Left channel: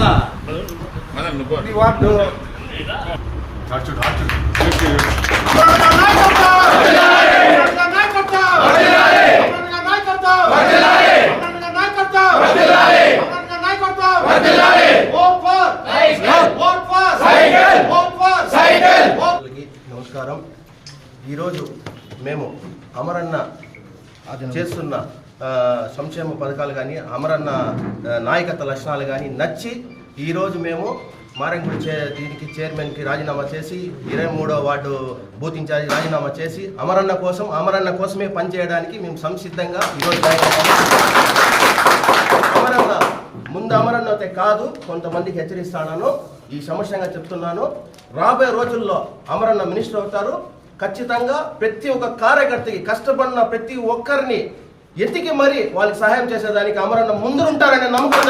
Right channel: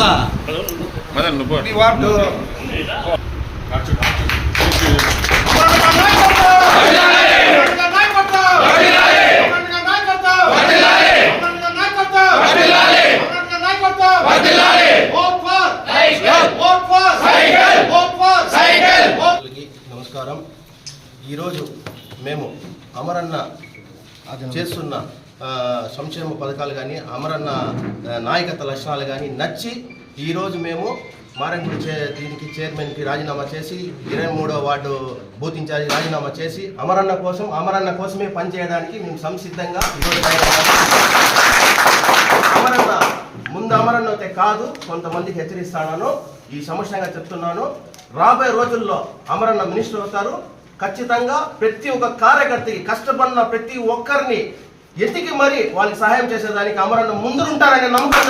కదా? వార్డు. నమస్కారం. ఈరోజు మేము అమరన్న చేస్తున్న సంక్షేమ పథకాలు కానీ అమరన్న నాయకత్వ లక్షణాలు కానీ నచ్చి ఈరోజు మేము మారంగూడి చే దీనికి చైర్మన్కి రాజీనామా చేసి ఇరవై మూడో వార్డు బూత్ ఇన్ఛార్జి రాజీనామా చేసి అమరన్న కోసం అమరన్న కోసమే పనిచేయడానికి మేము సంసిద్ధంగా ఈరోజు తయారయ్యాము. అమరన్న ముందు అమరన్న అయితే కాదు కొంతమందికి హెచ్చరిస్తాను ఈ సమస్యంగా చెప్తున్నాను రాబోయే రోజుల్లో అమరన్న మినిస్టర్ అవుతారు ఖచ్చితంగా ప్రతి ఒక్క కార్యకర్తకి కష్టపడిన ప్రతి ఒక్కరిని ఎతికి మరి వాళ్ళకి సహాయం చేసేదానికి అమరన్న ముందుంటారనే నమ్మకం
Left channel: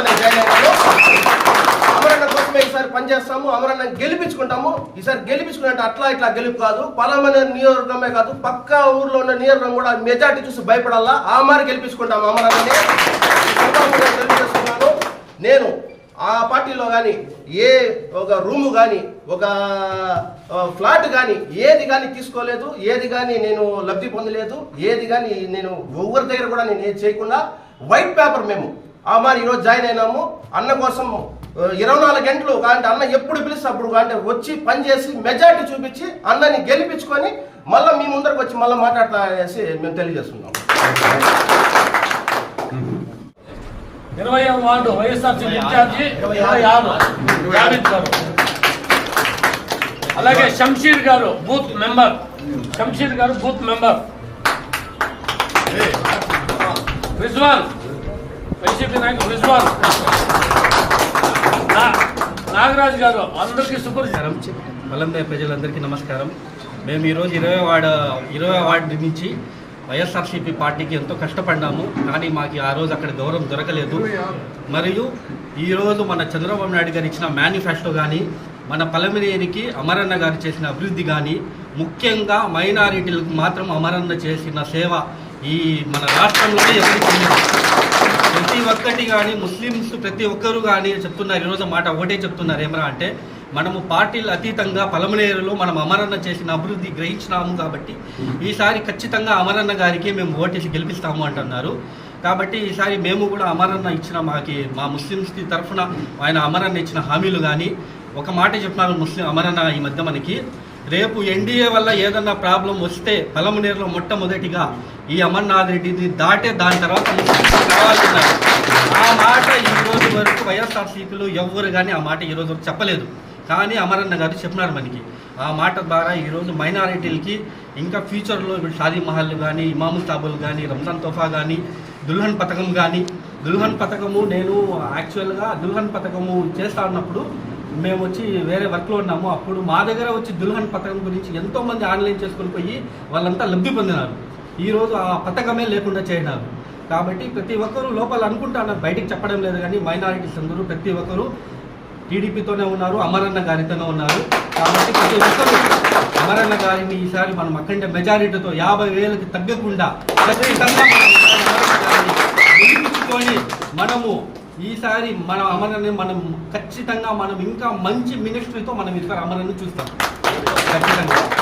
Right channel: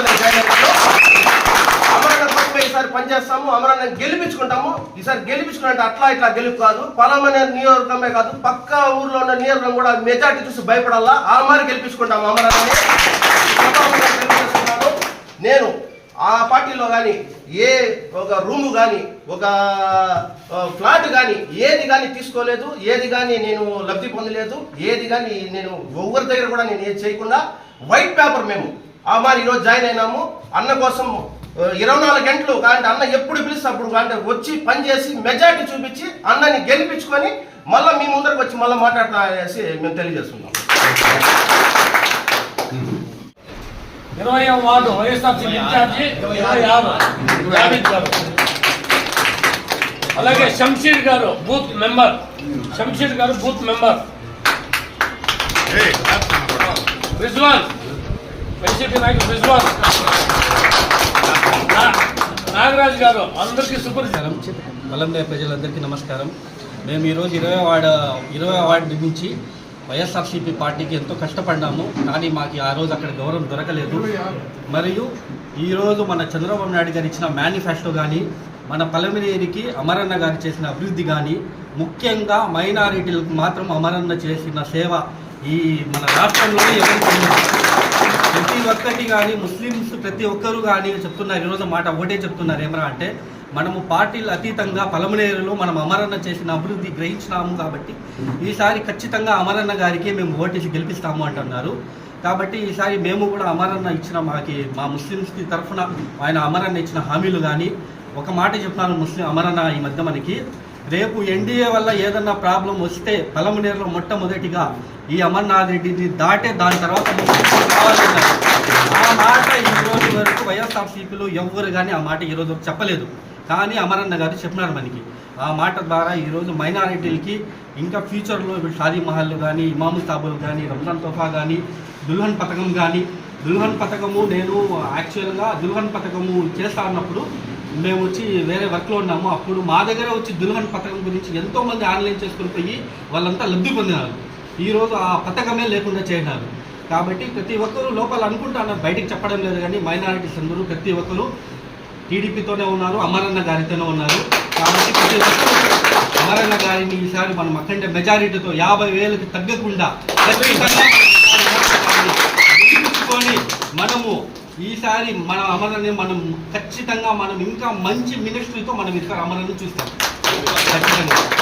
అమరన్న కోసమే ఈసారి పనిచేస్తాము అమరన్న గెలిపించుకుంటాము. ఈసారి గెలిపించుకుంటే అట్లా ఇట్లా గెలుపు కాదు. పలామనే నియోజకవర్గమే కాదు పక్క ఊర్లో ఉన్న నియోజకవర్గం కూడా మెజార్టీ చూసి భయపడాలా? ఆ మారి గెలిపించుకుంటాము అమరన్నని. నేను ఆ పార్టీలో కానీ ఏ ఒక రూము కానీ ఒక ఫ్లాట్ కానీ ఏది కానీ తీసుకోలేదు ఏది కానీ నేను లబ్ధి పొందలేదు ఏది కానీ నేను ఎవరి దగ్గర కూడా నేను ఏది చేయకుండా వైట్ పేపర్ మేము. ఆ మరి ఈరోజు జాయిన్ అయినాము. అన్న కోసం ఇరవై నాలుగు గంటలు కాబట్టి అన్న ఎప్పుడు పిలిస్తే అప్పుడు అంటే వచ్చి పని చేసి మెజారిటీ చూపించి అన్నని గెలిపించుకొని మళ్ళీ మీ ముందరకు వచ్చి మళ్ళీ మాట్లాడతా అనేసి మేము తెలియజేస్తున్నాం. ఇరవై వార్డు? వైఎస్ఆర్సీ ఇన్ఛార్జి ఇరవై ఆరు. అలాగే శంషీర్ గారు బూత్ మెంబర్. శంషీర్ గారు బూత్ మెంబర్. రిజ్వాన్. వైసీపీ నాయకుడు రిజ్వాన్. నాగరాజు గారు అందరికీ సుపరిచారం నమస్కారం. ప్రజలందరికీ నమస్కారం. మేము ఈరోజు ఇరవై వార్డు ఇరవై వార్డు నుంచి వైఎస్ఆర్సీపీ పార్టీకి ఎంతో కష్టపడ్డాము కానీ మాకు ఆ రోజు అక్కడ గౌరవం దొరకలేదు. మరియు ఈరోజు మన చంద్రబాబు నాయుడు గారు ఇచ్చిన మేనిఫెస్టో కానీ మన పలమనేరికి అమరన్న గారు చేసిన అభివృద్ధి కానీ ముఖ్యంగా మైనారిటీలకు మాత్రం అమరన్న చేసిన సేవ ఈ మన రాష్ట్రంలోనే ఎవరికి ప్రతి ఒక్కటి కానీ ముస్లిమ్స్ ప్రతి ఒక్కరు కానీ చెప్తున్నారు. ఈరోజు మాట ఒకటే చెప్తున్నారు. ఏమరా అంటే మనము పార్టీలు అతీతంగా పలమనేరులో మనం అమరన్న చేసిన అభివృద్ధి గ్రహించినాము కాబట్టి ఈసారి ఖచ్చితంగా అమరన్న గారికి మేము ఓటేసి గెలిపిస్తాము అంటున్నారు. కాబట్టి ఈసారి మేము కూడా అమరన్న ఇచ్చిన మాకి మా ముస్లిమ్స్కి తరఫున ఆయన అమరన్న ఇచ్చిన హామీలు కానీ ఒక మాట చెప్పినాను ముస్లిం అమరన్న ఈ మధ్య మనకి. రేపు ఎన్డీఏ వల్ల ఏదన్నా ప్రాబ్లం వస్తే పలమనేరులో మొట్టమొదటిగా ఈ అమర్నాథ్ రెడ్డిని దాటే దాని తర్వాత రావాలన్నారు. ఆ మాట ఈ రోజు వరకు వైఎస్ఆర్సీపీలో ఎవ్వరు కానీ ఆ మాట ఈ రోజు వరకు చెప్పలేదు. కానీ అమరన్న గారు చెప్పినారు మనకి. ఆ మాట ద్వారా ఈరోజు మైనారిటీలకి ఇంకా ఫ్యూచర్లో ఇప్పుడు షాదీ మహల్ కానీ ఇమాము సాబుల్ కానీ రంజాన్ తోఫా కానీ దుల్హన్ పథకం కానీ దుల్హన్ పథకము నేను యాక్చువల్గా దుల్హన్ పథకము చేస్తా ఉన్నప్పుడు మేము వచ్చి వేరే వర్క్లో ఉన్నాము. అప్పుడు మా దగ్గర వచ్చి దుల్హన్ పథకం గురించి ఎంతోమంది ఆన్లైన్ చేసుకుని పోయి వాళ్ళంతా లబ్ధి పొందినారు. ఈరోజు ఆ పథకమే లేకుండా చేసినారు కాబట్టి ప్రతి ఒక్కరూ లోపల అనుకుంటాను బయటికి చెప్పడం లేదు కానీ మైనారిటీస్ అందరూ ప్రతి ఒక్కరూ టీడీపీతోనే ఉన్నారు అమరన్న గారితోనే ఉన్నారు. కాబట్టి ప్రతి ఒక్కరూ అమరన్న గారిని ఈసారి మనం అఖండ మెజారిటీతో యాభై వేలకు తగ్గకుండా ఖచ్చితంగా మనము ఈసారి మన అమరని మనం ఖచ్చితంగా మనం ఇంకా మంచి మినిస్ట్రీతో మనం ఈసారి అమలను చూస్తాం. ఖచ్చితంగా.